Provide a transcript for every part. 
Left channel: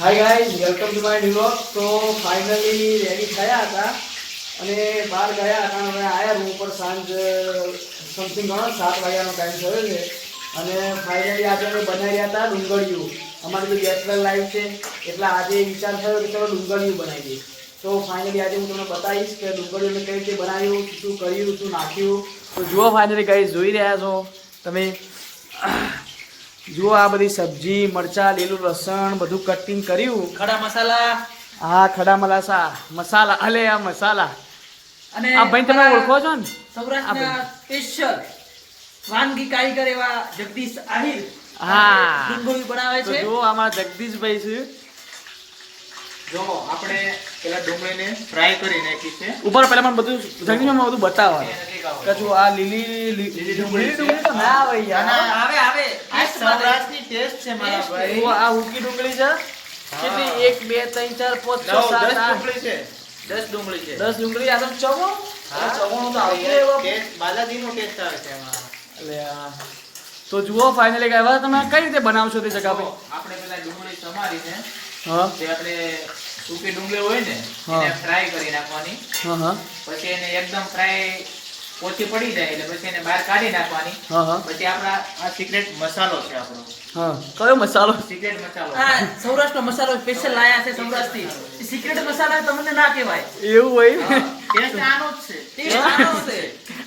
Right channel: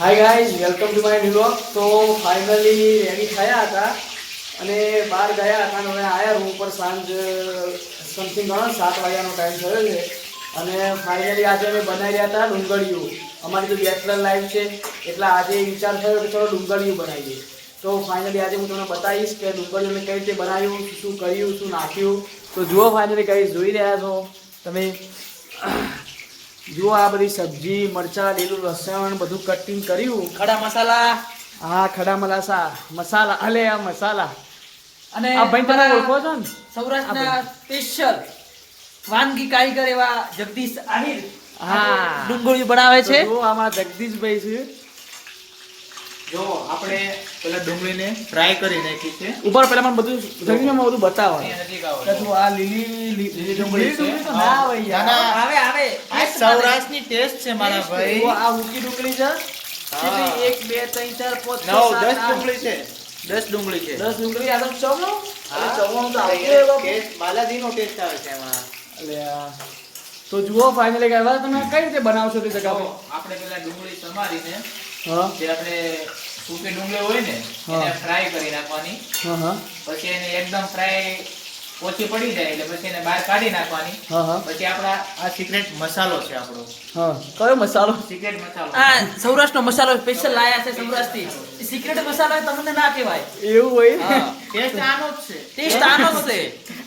Hi guys, welcome to my new vlog. તો finally ready થયા હતા અને બહાર ગયા હતા અને હવે આવ્યા રૂમ પર. સાંજ સમથિંગ ગણો 7 વાગ્યાનો ટાઈમ થયો છે અને ફાઇનલી આજે અમે બનાવી રહ્યા હતા ડુંગળીયું. અમારી તો બેચલર લાઈફ છે એટલે આજે વિચાર થયો કે ચલો ડુંગળીયું બનાવીએ. તો ફાઇનલી આજે હું તમને બતાવીશ કે ડુંગળીયું મેં કઈ રીતે બનાવ્યું, શું કર્યું, શું નાખ્યું. તો જુઓ ફાઇનલી ગાઈઝ, જોઈ રહ્યા છો તમે. જુઓ આ બધી સબ્જી, મરચાં, લીલું લસણ બધું કટિંગ કર્યું. ખડા મસાલા, હા ખડા મસાલા અલે આ મસાલા. અને આ ભાઈ તમે ઓળખો છો ને? સૌરાષ્ટ્રના સ્પેશિયલ વાનગી કારીગર એવા જગદીશ આહિર હા ડુંગળી બનાવે છે. જો આમાં જગદીશભાઈ છે. જો આપણે પેલા ડુંગળીને ફ્રાય કરી નાખી છે. ઉપર પહેલા મને બધું જગદીશમાં બધું બતાવો એ નજીક આવો. કે જો આ લીલી ડુંગળી તો ના આવે યાર. આવે આવે આ સૌરાષ્ટ્રની ટેસ્ટ છે મારા ભાઈ. જુઓ આ હુકી ડુંગળી છે. કેટલી 1 2 3 4 5 6 7 8 10 ડુંગળી છે. 10 ડુંગળી. આ તો ચમો હા. ચમોનું તો આવતું એ એવો. ટેસ્ટ બાલાજીનો ટેસ્ટ આવે છે અમારા. અલે આ તો જુઓ ફાઇનલી કહેવા તમે કઈ રીતે બનાવશો તે જગ્યા પર? આપણે પેલા ડુંગળી સમારીને હા જે આપણે સૂકી ડુંગળી હોય ને હા. એને ફ્રાય કરી નાખવાની. હા પછી એને એકદમ ફ્રાય ઓછી પડી જાય એટલે પછી એને બહાર કાઢી નાખવાની. હા પછી આપણા આ સિક્રેટ મસાલો છે આપણો. હા કયો મસાલો? સિક્રેટ મસાલો. આ સૌરાષ્ટ્રનો મસાલો સ્પેશિયલ લાયા છે સૌરાષ્ટ્રથી. સિક્રેટ મસાલા તમને ના કહેવાય, એવું હોય? ટેસ્ટ આનો જ છે. ટેસ્ટ આનો છે.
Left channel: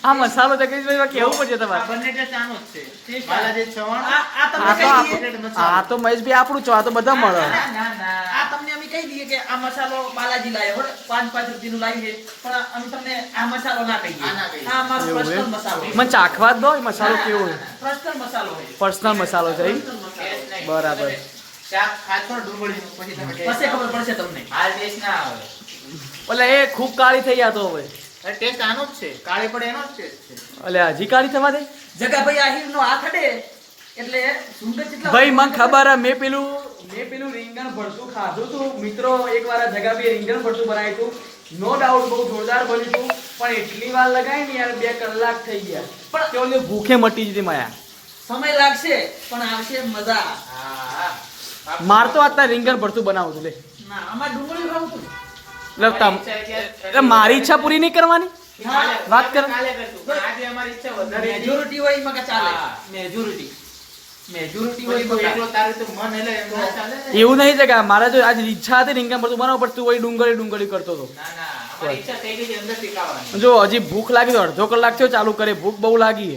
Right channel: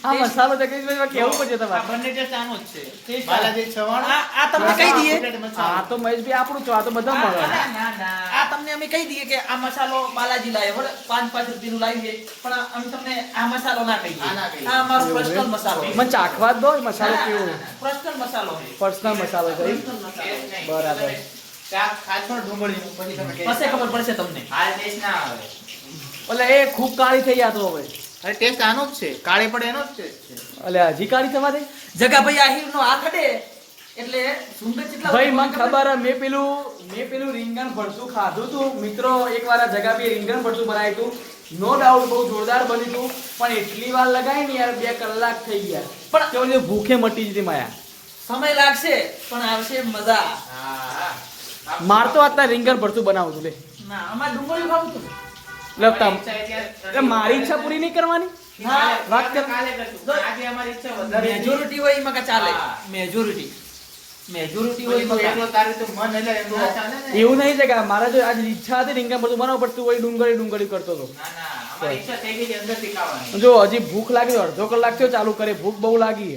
આ મસાલો જગદીશભાઈ કેવું પડશે આ તમારે? બંને ટેસ્ટ આનો જ છે. ટેસ્ટ બાલાજી ચવાણું. આ તમને કહી દઈએ, સિક્રેટ મસાલો. આ તો મહેશભાઈ આપણું છો, આ તો બધા મળે. ના, ના, ના. આ તમને અમે કહી દઈએ કે આ મસાલો બાલાજી લાયા હોય 5 રૂપિયાનું લાવીએ, પણ અમે તમને આ મસાલો ના કહીએ. આ ના કહીએ. આ અમારો એવું પર્સનલ એમ? મસાલો છે. મને ચાખવા જ દો એ મસાલો કેવો હોય. પર્સનલ મસાલો છે. પર્સનલ મસાલો છે એમ? ટેસ્ટ નહીં. બરાબર. તમે શાક ખાશો ને ડુંગળીનું, પછી તમે ટેસ્ટ પછી ખબર પડશે તમને. હાલ ટેસ્ટ ના આવે. એટલે એ ખૂબ કાળી થઈ ગયા તો હવે. અરે ટેસ્ટ આનો જ છે. કાળે પડે એનો જ ટેસ્ટ છે. એટલે હજી કાળી થવા દે. જગાભાઈ આહિરનો આ ખડે એટલે સુંદર કેટલા ભાઈ મને ખબર હે, મેં પેલું રીંગણ ભરતું ખાધું હતું મિત્રો. એકવાર આ જગા બી રીંગણ ભરતું બનાવ્યું હતું. નો ડાઉટ બહુ જોરદાર બન્યું હતું, પણ એટલી વાર લગાવી ને યાર 2 કલાક થઈ ગયા. પણ તો ઓલી ભૂખે મટી જતી માયા. સમય લાગશે પણ આવશે મજા. હા. માર તો અત્યારે રીંગણ ભરતું બનાવું છું લે. ના અમારે ડુંગળી ખાવું હતું. એટલે એટલે મારી ઈચ્છા પૂરી નહીં કરવાની. હા, વાત કર. કાલે કરશું. પણ આજે અમારી ઈચ્છા વધારે હતી. મેજોરિટી હોય એમાં કાંઈ ચાલે. હા. મેજોરિટી હોય પછી એમાં તું એકલો કાંઈ. તારે તો મન એટલે એમ ના ચાલે ને. એવું નહીં છે કે મારે જો આજ ઈચ્છા હતી રીંગણ ભરતું બનાવવું પડતું હોય, ડુંગળી કરતો હતો. ના, ના. અમારી ઈચ્છા થઈ ગઈ છે અંદરથી ખાવાની. જો હજી ભૂખ લાગી તો અડધો કલાક થયો ચાલુ કરે. ભૂખ બહુ લાગી.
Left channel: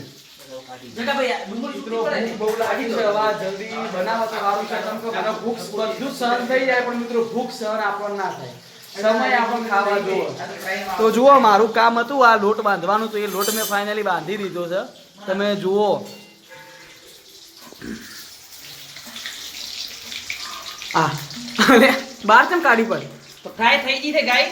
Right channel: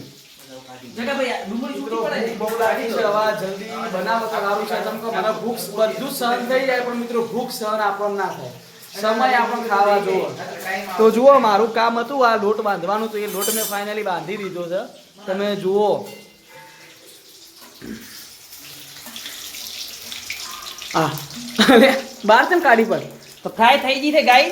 જગાભાઈ આ ડુંગળી મિત્રો છૂટી પડે. ભૂખ બહુ લાગી છે. હવે જલ્દી બનાવો તો સારું છે. કેમ કે મને ભૂખ બધું સહન થઈ જાય, પણ મિત્રો ભૂખ સહન આપણને ના થાય. સમય આપણને ખાવા જોવો. તો જુઓ મારું કામ હતું આ લોટ બાંધવાનું, તો એ લોટ મેં ફાઇનલી બાંધી દીધો છે. તમે જુઓ આ અરે બહાર કેમ કાઢી પડ. તો ફ્રાય થઈ ગઈ છે ગાય.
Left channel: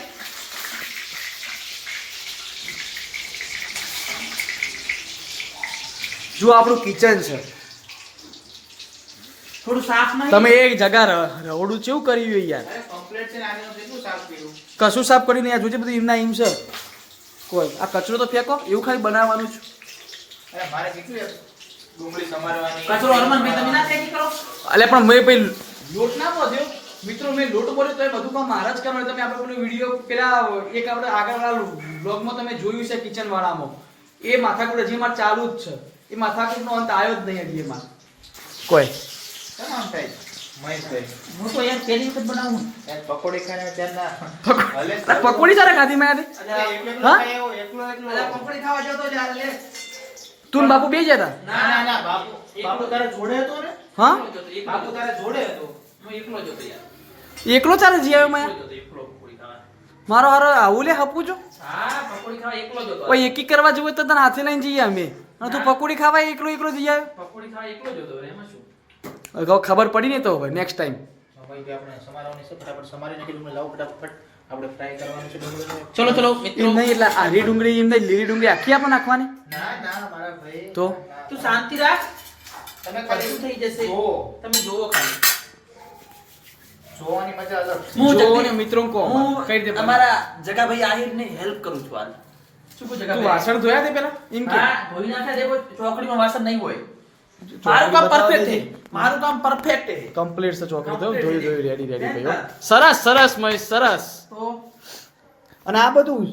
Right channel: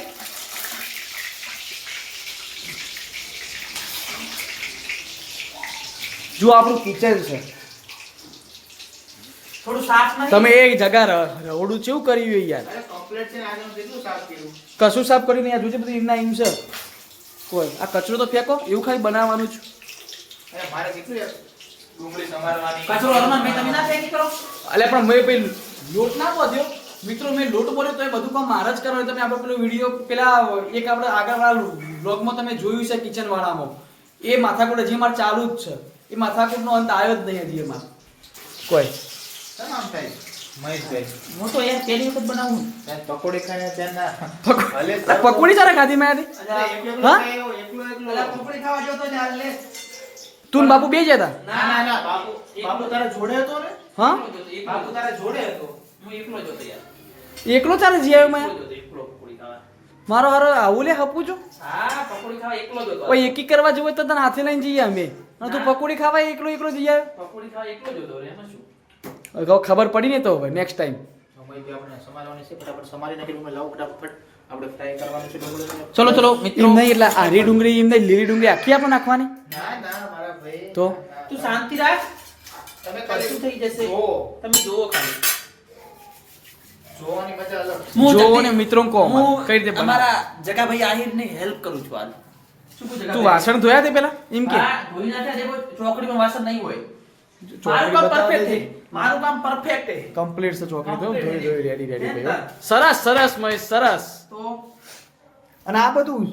જુઓ આપણું કિચન છે. થોડું સાફ નહીં. તમે એક જગા રવડું કેવું કર્યું હોય યાર. અરે complete છે ને આજે હું કેટલું સાફ કર્યું. કશું સાફ કરીને યાર જોજે બધું એમના એમ છે. કોઈ આ કચરો તો ફેંકો, એવું ખાલી બનાવવાનું છે. અરે મારે કેટલું યાર ડુંગળી સમારવાની. કચરો હનુમાનભાઈ તમે ના ફેંકી કરો. અલે પણ મેં પેલું લોટ ના બોલ્યો મિત્રો. મેં લોટ બોલ્યો તો એ બધું કામ મારા જ કરવાનું. તમે આપણે પેલો વિડીયો પેલા એક આપણે આગળવાળા બ્લોગમાં તમે જોયું છે કિચન વાળામાં, એ માથાકૂટ હજી મારે ચાલુ જ છે. એ માથાકૂટનો અંત આવ્યો જ નહીં હજી એમાં કોઈ. કેમ આમ થાય મહેશભાઈ? હું તો યાર પહેલી વખત બનાવું. યાર પકોડી ખાને ત્યારના ભલે આ પકોડી સારા ખાધી મેં આજે. હા? એકલો અલા પકોડી ખાવા જતો યાર લે. તું ને બાપુ બે જ હતા? ના બાપુ તારે જોડે હતો ને? હા બાપુ તારે જોડે હતો. હું એકલો જ હતો યાર. એકલો ચાલે જીયા મેં. એકલો પકોડી ખાવા. મારો હારો આવું લે હપું છું. હા પકોડી ખાવા એકલો જ હતો. કોઈ એકી કરવા જવું હોય તો તને હાથે લઈને જઈએ અમે. અને તું પકોડી ખાવા એકલો જઈ આવ્યો. પકોડી ખાવા એકલો જ હતો. એમાં શું? હવે ખબર પડી ને તો હવે નેક્સ્ટ ટાઈમ. ભાઈ આપણે સમારવાની છે. ફટાફટ સમારી નાખી લાવ ફટાફટ. આપણે ફ્રાય કરવાનું છે ડુંગળી. ચલો ચલો મિત્રો. એમ નહીં એટલે આરી ડુંગળી એમ નહીં, લીલી ડુંગળી આખી આપણે નાખવાની. ના મારા ભાઈ. તો તું શાંતિ રાખ. તમે કશું કશું થઈ જશે. જોવો. તમે જોવો ખાલી. જોવાની મજા અલગ. હું જોવો જગદીશ- ને મિત્રો કહો હું કઈ રીતે બનાવે. અમારા જગાભાઈ આહિરને હેલ્પ કરું છું હાલ. શું કહું તું જગાભાઈ? વાસણ ધોયા તે પેલા એમ કે હા ધોઈ નાખ્યા છે, કોઈ ચોકડીમાં વાસણ નહીં હોય. મારું કામ બતાવવા perfect દે છે. મારું કામ perfect છે. કમ્પ્લીટ છે ચોકડી તો Complete જોઈ છે. રેડી ભાઈ હો. હા. સરસ સરસ મહેશ સરસ. તો અને આ બધું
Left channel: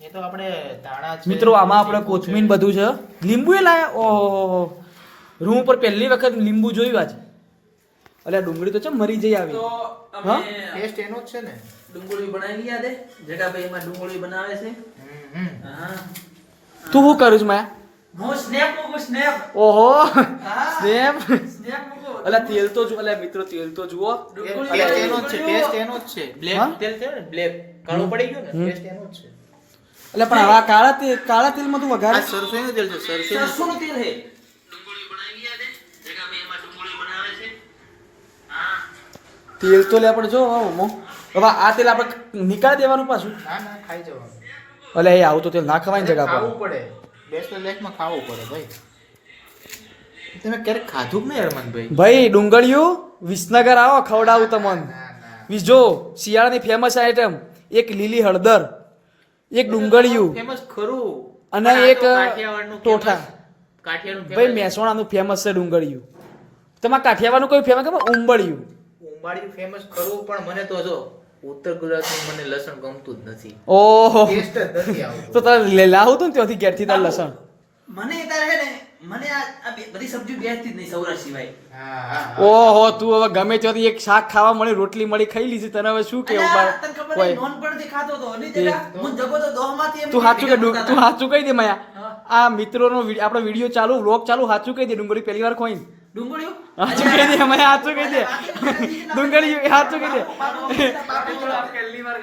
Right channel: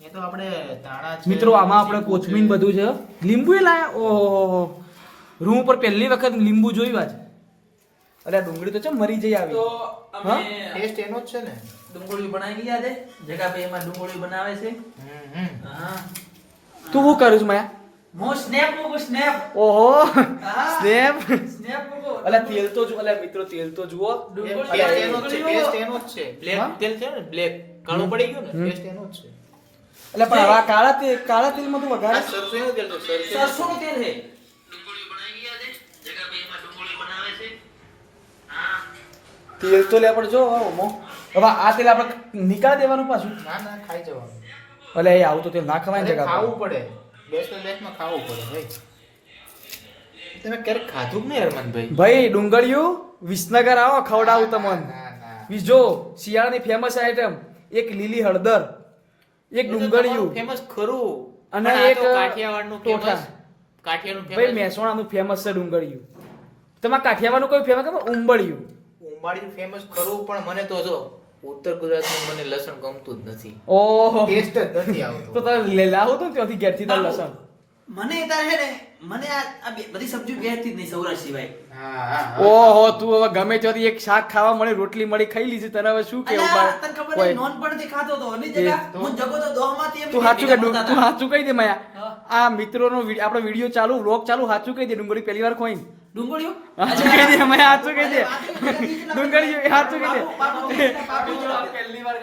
એ તો આપણે દાણા છે, મિત્રો આમાં આપણે લીંબુ છે. કોથમીર બધું છે. લીંબુ એ લાયા ઓહો રૂમ ઉપર પહેલી વખત લીંબુ જોયું આજ. અલ્યા ડુંગળી તો ચમ મરી જઈ આવી. તો હા? અમે ટેસ્ટ એનો જ છે ને. ડુંગળી બનાવી લીધા છે. જગાભાઈ એમાં ડુંગળી બનાવે છે. હા. તું શું કરું છું માયા? હું સ્નેપ મૂકું સ્નેપ. ઓહો હા. સ્નેપ. સ્નેપ મૂકું. અલ્યા તેલ તો જુઓ અલ્યા મિત્રો તેલ તો જુઓ. ડુંગળી ટેસ્ટ અલ્યા, એનો જ છે, ટેસ્ટ એનો જ છે. બ્લેક હા? તેલ છે ને, બ્લેક કાળું પડી ગયું ને, હમ. ટેસ્ટ એનો જ છે. અલ્યા પણ હવે આ કાળા તેલમાં તું આ વઘારે સરસોનું તેલ છે, સરસોનું. સરસોનું તેલ છે. તેલ તો લે પણ જો હવે આ તેલ આપણે નીકાળી દેવાનું પાછું. ના ના ખાઈ જવાનું. અલ્યા એ આવું તો તેલ ના ખવાય ને અરે જગા ખાવું પડે, બેચલર લાઈફમાં ખાવું પડે ભાઈ. તમે ક્યારેક ખાધું કે નહીં હરમનભાઈ? ભાઈ ડુંગળીયું વિસનગર આવો ખવડાવું તમને. ના ના. વી જો શિયાળાની ફેમસ આઈટમ એક લીલી હળદર એક ડુંગળીયું ફેમસ ખરું. અને પણ આ એક તો કાઠિયાવાડનું ટોઠા. famous. કાઠિયાવાડનું ભાઈ famous. મહેસાણાનું ફેમસ છે ડુંગળીયું. તમારે કાઠિયાવાડનું કોઈ ફેમસ ખબર ઉંબળિયું. ઉંબાડિયું famous ખરું, પણ મને તો જો ઉત્તર ગુજરાતનું મને લસણ ગમતું જ નથી. ઓહો ટેસ્ટ જ નથી તો આવતો. તારે લાવું તું ને ત્યાંથી ઘેરથી તાર લસણ. મને તારે હે ને મને આ બધી સબ્જી બેસતી જ નહીં સૌરાષ્ટ્ર સિવાય. હા, હા, હા. ઓહો તું હવે ગમે ત્યાંથી એક શાક ખાવા મળી રોટલી મળી ખાઈ લીધી તને હવે શું કેવું અલ્યા, બાર તને ખબર કોઈ નહીં, નોનપણથી ખાતો હતો. અને જગા, હું જગો તો દોહમાંથી એમ તું સાચું કે ભેગા તું મળતા સાચું કહી દે માયા હા. આ મિત્રોનો આપણો વિડીયો ચાલુ વ્લોગ ચાલુ સાચું કહી દે ડુંગળી પહેલી વાર ખોઈ હતા. ડુંગળીઓ સાચું કહી દે માયા સાચું કહી દે ડુંગળી ડુંગળી સાચું કહી દે પહેલી વાર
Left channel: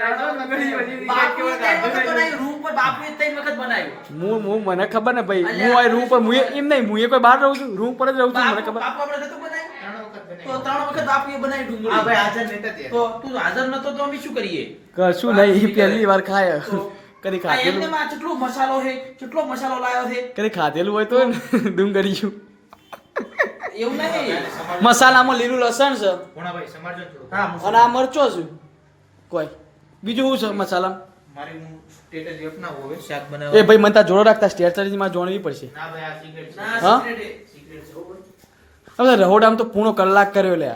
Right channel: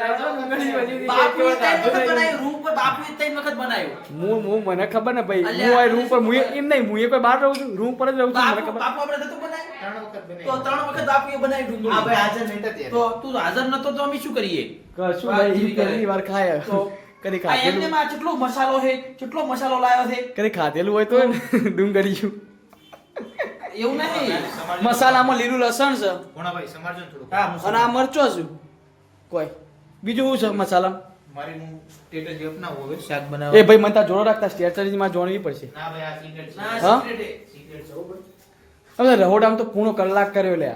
રૂમ પર બાપુએ 3 વખત બનાવ્યું. હું મને ખબર ને ભાઈ અલ્યા, હું આ રૂમ પર હું એમ નહીં હું કોઈ બહાર રહું છું રૂમ પર જ રહું છું મને ખબર બાપુ આપણે નતું બનાવ્યું? 3 વખત તો બનાવી. 3 વખત બાપુએ બનાવી ડુંગળી. હા ભાઈ, હાજર નહોતા ત્યારે. તો તું હાજર નતો તો અમે શું કરીએ? કશું નહીં પહેલી વાર ખાય તો કદી આ ખાધેલું એમનેમાં કેટલો મસાલો છે, કેટલો મસાલો લાવ્યો છે. કદી ખાધેલું હોય તો ડુંગળીયું એવું નહીં. મસાલામાં લીલું લસણ છે ભોણાભાઈ, સમારજો ને થોડુંક. હા, અને આ મરચો છે કોઈ બીજું શું છે મસાલા મારી હું સ્ટેટસ અપનાવું હવે શાક એ બનાવવા. ભાઈ મને તાર જોડો રાખતા સ્ટેચરીમાં જોડવી પડશે ના ભાઈ, આ secret છે. ના, હા? secret છે. Secret છે, હો ભાઈ. હવે રહોડામ તો પૂર્ણ કલાક કર્યો લે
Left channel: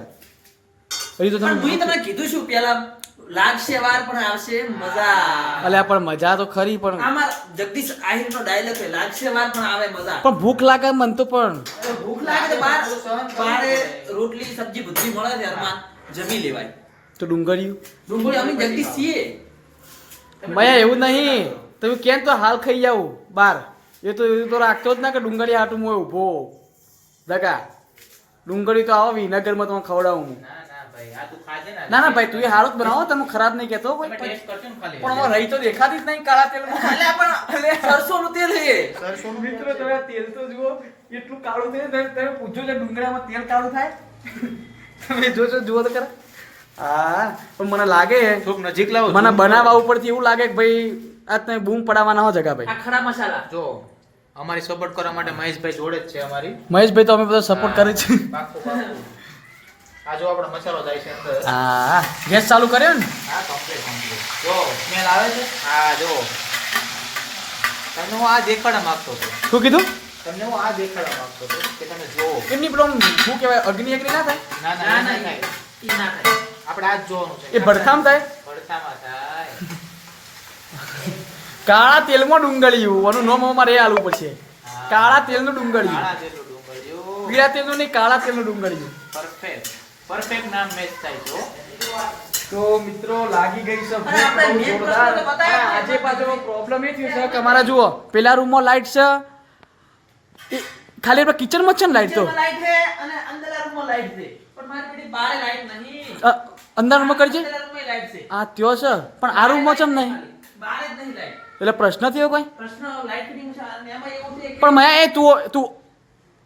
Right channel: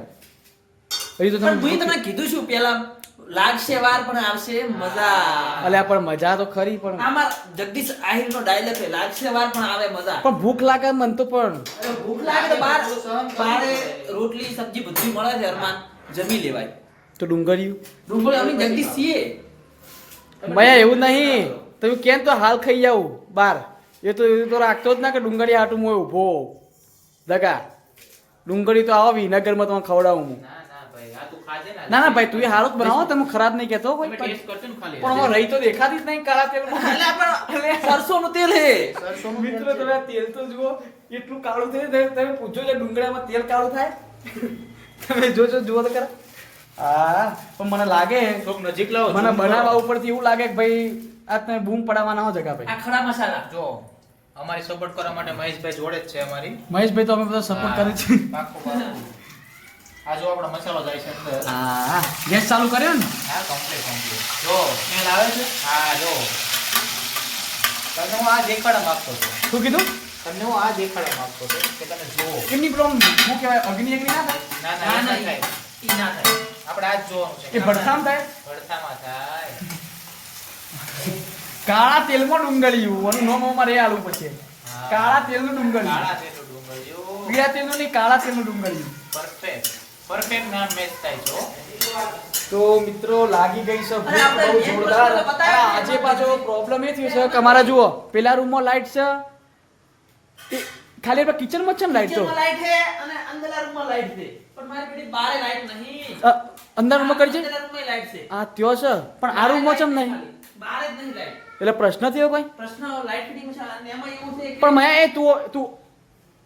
હજી તો પણ તમે હું તમને કીધું શું પેલા લાગશે વાર પણ આવશે મજા. અલ્યા પણ મજા તો ખરી પણ આમાં જગદીશ આહિરનો ડાયલોગ છે, લાગશે વાર પણ આવે મજા. પણ ભૂખ લાગે મન તો પણ અરે ભૂખ લાગે તો બારે રોટલી સબ્જી બધી મળે છે અરમાન, જમી લેવાય. તો ડુંગળીયું ડુંગળી અમે જગદીશ છીએ. મયા એવું નહીં તમે કેમ તો હાલ ખાઈ જાવ બાર એ તો રાખતો જ ના કે ડુંગળી હાટું મોય ઊભો દગા ડુંગળી તો આવો વિનગરમાં તમે ખવડાવું હું ના ના ભાઈ, આ તું ખાજે ને. ના ના ભાઈ તું એ હારું જ બનાવો તમે ખરાબ નહીં કહેતો કોઈ તમે ટેસ્ટ કરજો ને ખાલી. પણ હવે રહી તો દેખાતી જ નહીં કાળા તેલમાં અલ્યા પણ સરસોનું તેલ છે. સરસોનું મિત્રો તમે આ તેલ તો જુઓ એટલું કાળું થાય તમે પૂછો છો ડુંગળામાં તેલ કાળું થાય તમે જોજો જુઓ તો ખરા હા પણ મને લાગે થોડુંક નજીક લાવો. મને બનાવવા ઉપરથી એવું લાગે કે ભાઈ આ તમે બૂમ પડાવવાના હો જગા ભાઈ આ ખડા મસાલા. જો અમારી સપોર્ટ કરવા માટે મહેશભાઈ જોડે જ છે અમારી. મહેશભાઈ તો અમે બધા સપોર્ટ કરી છે પાક્કું, પાક્કું. આ જો આપણો મસાલો જાય છે અંદર. હા ગેસ ચાલુ કર્યો ને હા, complete, complete. જો સ્મેલ આવે છે. હા જો તમને હું આ દેખાડવા માંગતો હતો. શું કીધું તમને હું આ દેખાડવા માંગતો હતો કે તમે જુઓ. એમની પેલો શું કહેવાય અગ્નિ અગ્નિ ના થાય ના ના ના ના ના થાય. ઈ ના થાય. આપણે આ જ જોવાનું છે. એ ભડથામ થાય ભડથામાં થાય. કાળા તેલમાં ડુંગળીયું આનું નામ અમારે એ આલવું પડશે હા. કાળા તેલનું ડુંગળીયું કાળા જેટલું ડુંગળીયું. પીળા તેલનું નહીં કાળા તેલનું ડુંગળીયું Perfect. Perfect નામ મેચ થાય છે હો. તો મિત્રો લાગી ગઈ છે અને આપણે બહુ main જોરદાર પ્રશ્ન તો બતાવ્યો અને આજે પાછો પ્રોબ્લેમ એ થયો છે કે અમારા જુઓ પેલા રૂમમાં લાઈટ છે એ ખાલી આપણે કિચનમાં જ છે ને લાઈટ તો કિચનમાં લાઈટ છે અને અંદરના રૂમમાં લાઈટ છે. પણ મારી બેટી બારે લાઈટ નહીં. અંદર રૂમમાં કરી છે અંદરના રૂમમાં લાઈટ છે. આ ત્યો છે પણ આ રૂમમાં ચમ નહીં બારે જ નહીં લાઈટ. એટલે પ્રશ્ન થયો કોઈ પ્રશ્ન લાઈટ ફિટિંગ છે અને એમાં એવું છે કે પણ મયા એ તું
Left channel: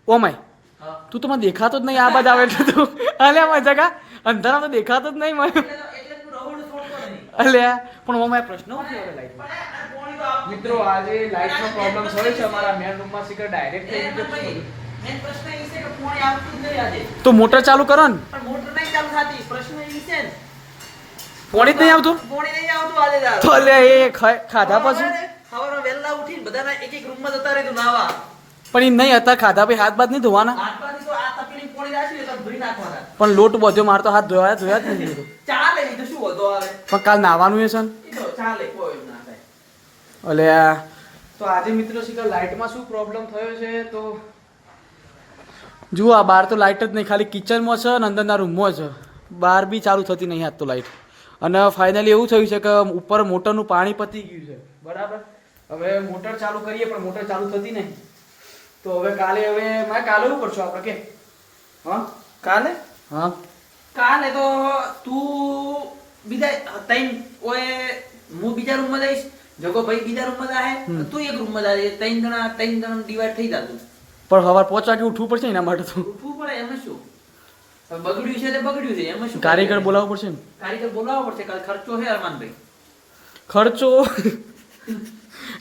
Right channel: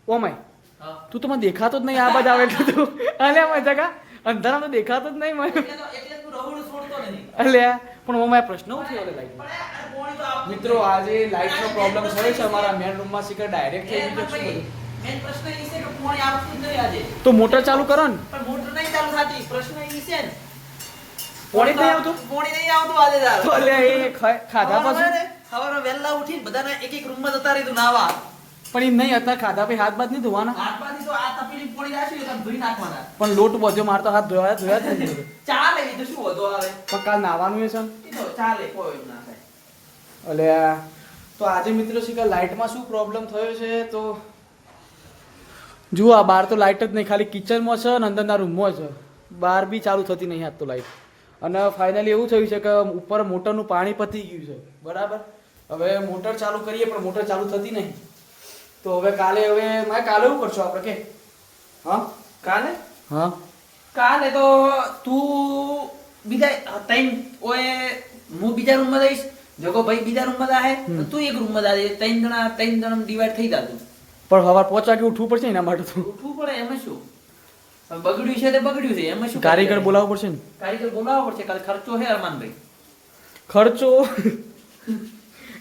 ઓ માય હા. તું તો મને દેખાતો જ નહીં આ બાજુ આવે એટલે તું અલ્યા મારા જગા અંધારામાં તો દેખાતો જ નહીં મને એટલે તો હું રહોડું છોડતો નહીં. અલ્યા પણ ઓ માય પ્રશ્ન શું થયો લાઈટ પણ આ પોણી તો આપવું મિત્રો આજે લાઈટનો પ્રોબ્લેમ થયો છે અમારા મેન રૂમમાં શીખર ડાયરેક્ટ થઈ એમ ગયું છે નહીં. બધું મેન પ્રશ્ન એ છે કે પોણી આવતું જ નહીં આજે. તો મોટર ચાલુ કરો ને પણ મોટર નહીં ચાલુ થતી. પ્રશ્ન એ છે ને. પોણી જ નહીં આવતું પોણી નહીં આવતું આજે તાર. તો અલ્યા એ ખાધા પછી સવારે વહેલા ઉઠીને બધાના એક એક રૂમમાં જતા રહીતું નાવા. પણ એ નહીં હતા ખાધા પછી હાથ બાદ નહીં ધોવાના. હાથમાંથી તો આ તપેલી પોળી રાખી ને તમે ધોઈ નાખવાના. પણ લોટ બધો મારતો હાથ ધોયા જ નહીં. ચાલે એ તો શું વધુ આવે પણ કાલ નાવાનું છે ને. એ તો ચાલે કોઈ ના થાય. એટલે તો આજે મિત્રો છે કે લાઇટમાં શું પ્રોબ્લેમ થયો છે તો જુઓ આ બહાર તો લાઇટ જ નહીં, ખાલી કિચનમાં છે અને અંદરના રૂમમાં છે, બહાર બી ચાલુ થતી નહીં આજ તો લાઇટ. અને ફાઇનલી એવું થયું છે કે ઉપર મોટરનું પાણી પતી ગયું છે બરાબર. હવે મોટર ચાલુ કરીએ પણ મોટર ચાલુ થતી નહીં. તો હવે કાલે કાલે એવું કરશું આપણે કે હા કાલે હા કાલે તો તું બીજા ત્રણ ઓએ હું બીજા રૂમમાં જઈશ, જગો ભાઈ બીજા રૂમમાં જાય, તું એક રૂમમાં જાય, ત્રણ જણા ડિવાઈડ થઈ જાતું. પણ સવાર 5 વાગે ઉઠવું પડશે એના માટે તો. ઉઠવું પડે એમાં શું, હવે બગડ્યું છે તે બગડ્યું છે એમાં શું. કારીગર બોલાવવો પડશે ને. કારીગર બોલાવવો પડશે, કાલે ખર્ચો છે અરમાનભાઈ. ખર્ચો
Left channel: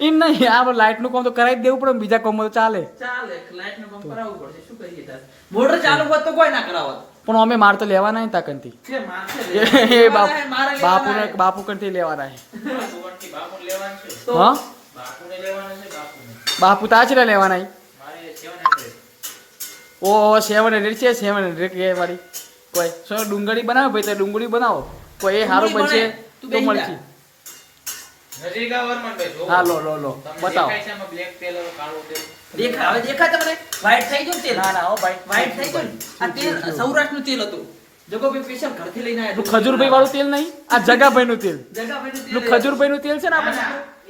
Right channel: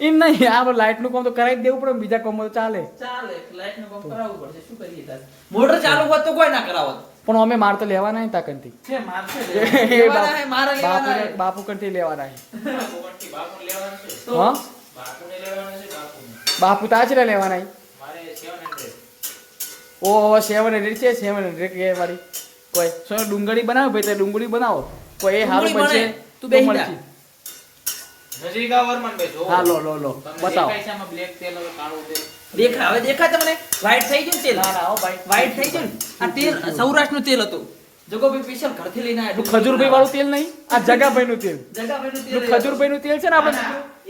એમ નહીં, આપણે લાઇટનું કામ તો કરાવી જ દેવું પડે, બીજા કામમાં તો ચાલે. ચાલે લાઈટ નું કામ કરાવવું પડશે, શું કરીએ તારે. મોટર ચાલુ હોત તો કોઈ ના કરાવત. પણ અમે માર તો લેવાના નહીં તાકનથી. છે મારશે એ લેવાના હે, મારે લેવાના હે. બાપુ કંઠી લેવાના છે. બાપુને લેવાનું છે. તો હા બાપુને લેવાનું છે. બાપુ તાચરા લેવાના છે. મારે 700. ઓ 700 છે, 700 કે વાળી કોઈ સો ડુંગળી બનાવો ભાઈ, તો ડુંગળી બનાવો કોઈ એ સારું બનશે તું તો બેસી મળશે. નજીક આવ વરમાનભાઈ જો. હા લો લો લો તમને બતાવો. દેખાય છે આમાં બ્લેક તેલ હવે કાળું તેલ. હવે દેખાય તમને વ્હાઈટ થઈ ગયું તેલ. ના ના હો ભાઈ, વ્હાઈટ થઈ ગયું. આ તેલ સૌરાષ્ટ્રનું તેલ હતું. જગોભાઈ સ્પેશિયલ ઘરથી લઈને આવ્યા. પેલું ખજૂરભાઈ વાળું તેલ નહીં, આ જગાભાઈનું તેલ. જગાભાઈનું તેલ. પેલું ખજૂરભાઈનું તેલ છે ને આપણે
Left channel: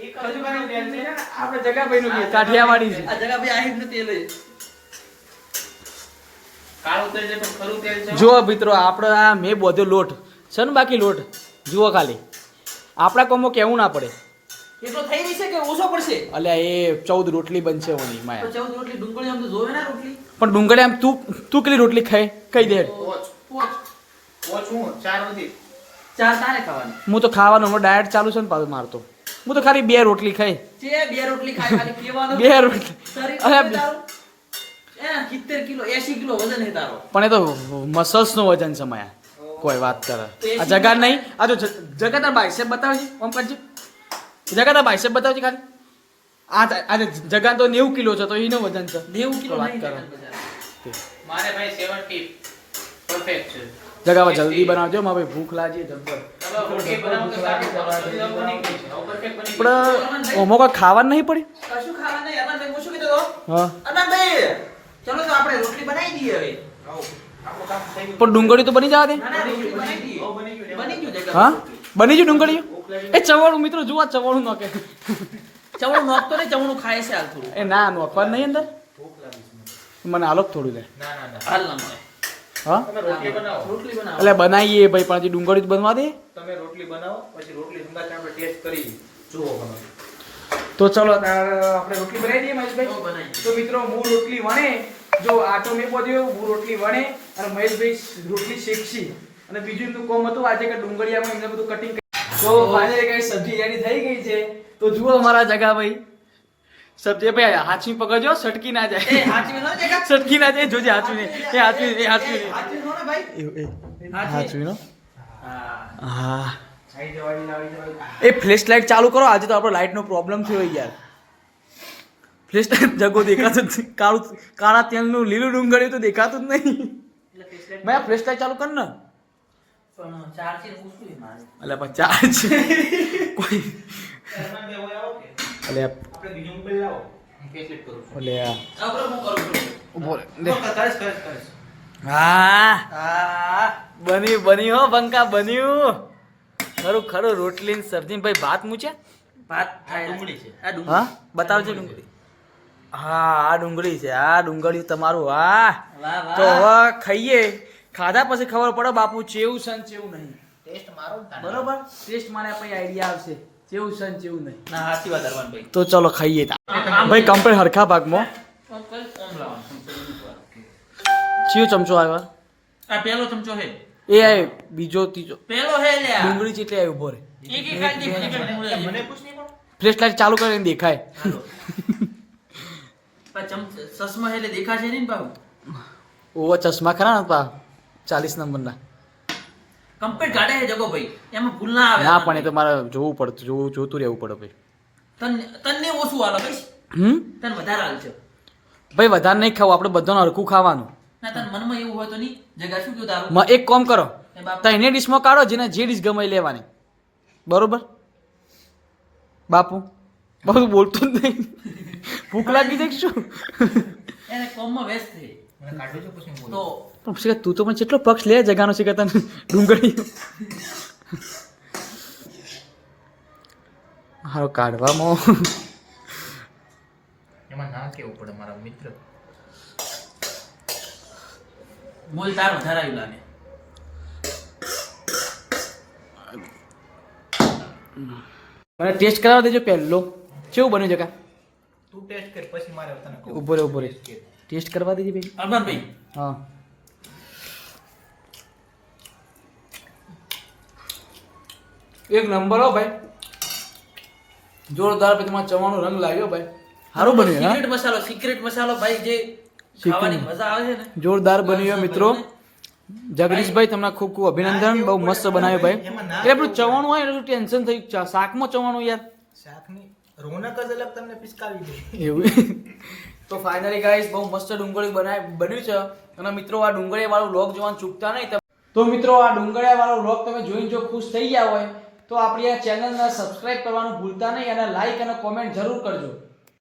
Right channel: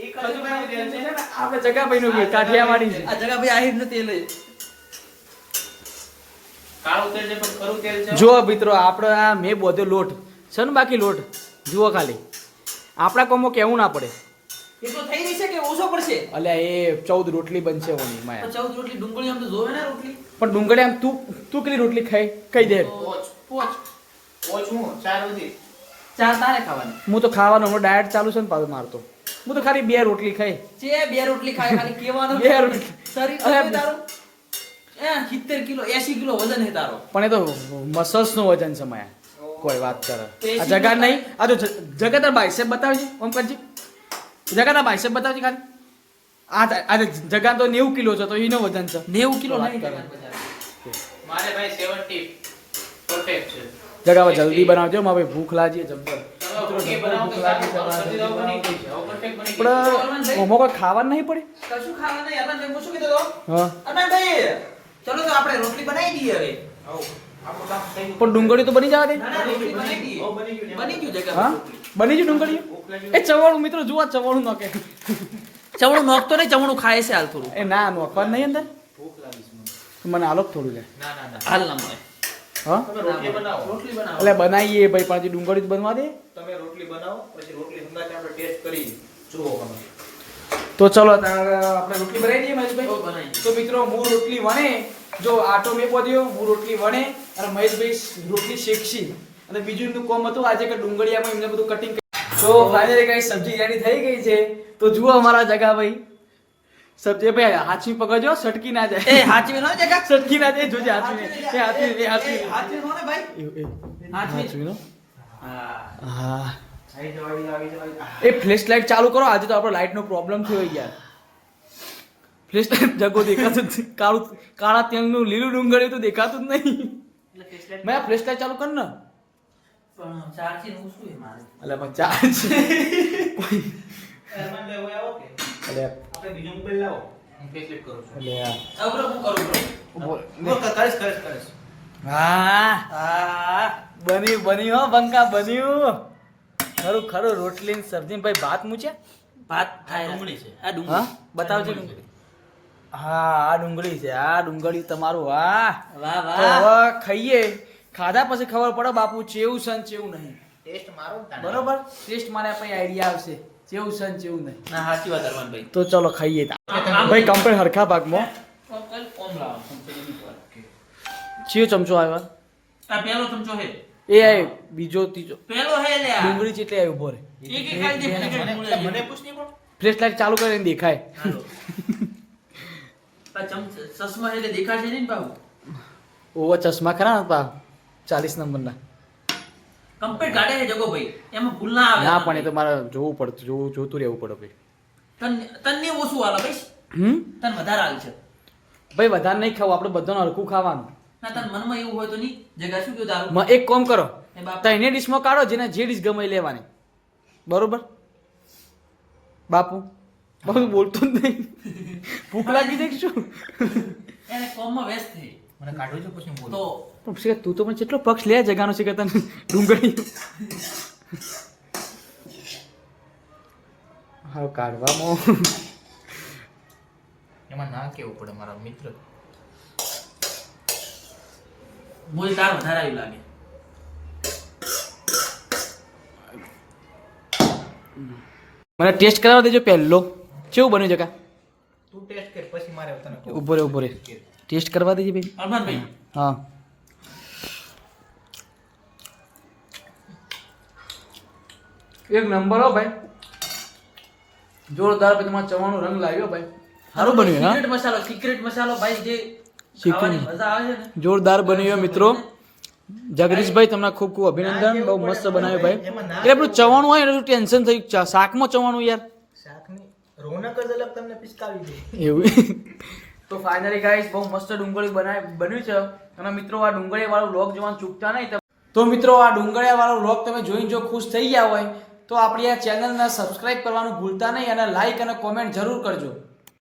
એક ખજૂરભાઈનું તેલ છે. આપણે જગાભાઈનું તેલ કાઠિયાવાડી છે. આ જગાભાઈ આહિરનું તેલ છે. કાળું તેલ છે પણ ખરું તેલ છે. જુઓ મિત્રો આપણે આ મેં બધો લોટ છે ને બાકી લોટ જુઓ ખાલી આપણા કોમો કેવું ના પડે. એટલો થઈ રહી છે કે ઓછો પડશે. અલ્યા એ 14 રોટલી બનશે ઓની પણ માયા. 14 રોટલી ડુંગળી આમ તો જોવે ને રોટલી. પણ ડુંગળી આમ તું કેટલી રોટલી ખાઈ કઈ દે. પોચ હું 4 સુધી. ચાર તારે ખાવાની હું તો ખાવાનો હમણાં ડાયટ ચાલુ છે ને પાછું મારતો. હું તો ખાલી 2 રોટલી ખાઈ. છે. બે રોટલી ખાય ખાલી કેવાનો. 2 રોટલી. શરીર અરે, કેટલું તારું? 70 કિલો 80 કિલો વજન હે તારો. પણ એ તો મસલ્સ નું વજન છે માયા. કોઈ વાત કરે આ જગા નહીં, આ જો જગા તાર બાઇસેપ બતાવજે ઓમ કરજી. જગા તાર બાઇસેપ બતાવજે ખાલી. આ જગા તો 90 કિલો છે તો એનો વજન છે. 90 કિલો વાત નહીં કરો. જગા. મારે ભાઈ 70 પરફેક્ટ છે. જગા જલ્દી બનાવજો મારે ભાઈ ભૂખ લાગી જબ્બર. તમે રોટી બનાવો તો સારું બની ગઈ છે. હવે પરફેક્ટ બની ગઈ. પણ ઓમો કોઈ ખાવાનું નહીં પડી. કશું ખાવા નહીં. અરમાનભાઈ હું શું કીધો તો? હા અરમાનભાઈ ચલો તો આપણે રોટલી બનાવી દઈએ હવે. આવો. આપણું કામ થઈ ગયું. પણ ડુંગળી તો બની જવા દે. ના ના રોટલી બનાવી દઈએ. બહુ બની ગયું. બની ગયું જગા. હા બની ગયું ડુંગળી. એ ચવાણું મિત્રો જુઓ ચવાણું નાખે. ચવણું નોખતો નહીં, ચવણું ખાય છે હાલ થોડું. એ ના નોખવા નહીં અંદર ભૂખ લાગી છે મને. મને આલો થોડું લે. ના ના ના. હાલ ના મળે. હા તમે રોટલી બનાવો. રોટલી બનાવો. એટલે બનાવીએ ભાઈ પણ હજી ડુંગળી જ બનવા દે. તમે રોટલી બનાવો પછી રોટલી સંગાતે આપણે ટેસ્ટ કરી જુઓ તમે. તો ચલો આપણે રોટલી બનાવી દઈએ મહેશભાઈ. તો બનાવી. તો મિત્રો હું રોટલી વણે જો આટો મેં બધ્યો હું રોટલી વણે અને મહેશભાઈ રોટલી શેકશી અને બીજું એમનું કોમ હતું આજે કે ડુંગળીયામાં એમને બધું કટિંગ. તો ફાઇનલી કઈ સબ્જી રેડી થઈ ગઈ છે. તો જુઓ અમારા જગાભાઈ સબ્જી ભાઈ હાચવી પકડજો સટકી ના જાય. એ હાચવી નો જગા. સટકી ના જાય જોજે હાચવી એ હાચવી એ હાચવી હાચવી નો ને ભાઈ. હાચવી નો. હા. હા ખાઈ જવાય લાવી જવાય. એ ફ્લેશ લાઇટ ચાલુ કરો. આજે તો આપણો લાઇટનો પ્રોબ્લેમ થયો યાર. ફ્લેશ લાઇટ જગો દેખાતું જ નહીં. કાળા તેલનું લીલું ડુંગળી તો દેખાતું જ નહીં. એટલે ફેસલેટ મેં ફ્લેશ લાઇટ ચાલુ કર ને. પણ ચાર્જિંગ ઓછું છે મારે. અલ્યા પણ ચાર્જ કોઈ અરમાનભાઈ હવે આવો કે અલ્યા આપણે બીજો મોબાઈલ લાવો. હું ફેસલેટ કરું છું. અલ્યા હવે હું કરું છું. ઉભો રે. કરીશ. હા હા બની હો બંકા બન્યું. ખરું ખરું રોટલી ને સબ્જી ભાઈ ભાત મૂચ્યા. ભાત થાય ડુંગળી છે. આ ડુંગળી. હા બતાવજો ડુંગળી. હા આ ડુંગળી છે. આ ડુંગળી તમારું. વાહ વાહ તો વાહ. હવે ખાઈએ. ખાધા પછી ખબર પડે બાપુ ચેવું છે ને ચેવું નહીં. ટેસ્ટ મારો ને તાને. બરોબર ટેસ્ટ મારે પછી આઈડિયા આવશે ચેવું છે ને ચેવું નહીં. ના સાચી વાત અરમાનભાઈ. તો ચલો ખાઈએ ભાઈ કમ્પ્લીટ હરખા ભાગમાં. ઓમ લાવો. ચિયો ચમચો આવ્યો આ પહેલો ચમચો છે. એ આય બીજો ત્રીજો પહેલો હે લે આ. ડુંગળી ચેટલી આવી ઉભો રે. એક એક ખાઈ દે. એક એક ડુંગળી. મને પૂછ નહીં પણ. ફ્લેશ લાઈટ ચાલુ કરીને દેખાય. આ ચશ્મા એટલે દેખાશે નહીં ને બાબુ. ઓવા ચશ્મા ખરા ને પા 40 નંબરના. કમ્પ્લીટ ગાડે હે જગો ભાઈ. એમાં ભૂલ ના આવે. ના પણ એ તો મારે જોવું પડતું જોતું રહેવું પડે ભાઈ. તને ઓછું હાલે ભાઈ. હમ તને વધારે હાલ છે. ભાઈ વધારે નહીં ખાવું, આપણે બધાને હરખું ખાવાનું. ના તાર મનમાં એવું હોય તો નહીં જગા શું કીધું તારું એક કામ કરો, એ બાપ તઈને ડીશમાં કાઢો, જેને જે ડીશ ગમે એ લેવાની. બરોબર બાપુ? બાપુ બોલતો જ નહીં. ભૂખ લાગી જાય કે શું? એને કોમમાં વ્યસ્ત થઈ મને કાઢવું છે પછી બોલું. તો પણ શિખર તું તો પણ કેટલો પક્ષ લે જગાનો શિખર તને ડુંગળી. હારો કાઢવામાં એમાં ના કેવું પડે મારા મિત્ર. બોલ તાર વધારે આવ્યું લાગે મને ટેસ્ટ કરાવવા દેજો પહેલો. કેવું બન્યું જગા? તું ટેસ્ટ કર પછી મારે તને કહું. ઉભો રે ઉભો રે, ટેસ્ટ કરવા દેજે ભાઈ. અરમાનભાઈ હા એક નંબર હો ભાઈ, જોરદાર. પછી તમારા ચવાનો રંગ લાગ્યો ભાઈ, સારું બન્યું. હા સિક્રેટ મસાલો ભાઈ જે Secret. ખાવાની મજા આવે છે ને જોરદાર બન્યો મિત્રો. જગદીશભાઈ તમને ખૂબ ખૂબ અભિનંદન, બહુ મસ્ત બનાવ્યું ભાઈ. એટલે પેલું ચવાણું હોય એટલે ટેન્શન થઈ ગયું, શાકમાં ચવાણું યાર શાકની રોનક જ અલગ તમને પિચકાવી દે. એવું. તો ફાઇનલી ગાઈસ બહુ મસ્ત ડુંગળી બન્યું છે. અને મિત્રો આ ડુંગળીયા વાળો વ્લોગ જોવાનું ચૂકતા નહીં. તો મિત્રો આ ડુંગળીયા વાળો વ્લોગ તમે જોઈને જો ખુશ થઈ ગયા હોય તો આપણી આ ચેનલને સબસ્ક્રાઇબ કરવાનું ભૂલતા નહીં અને લાઈક અને કોમેન્ટ જરૂર કરજો.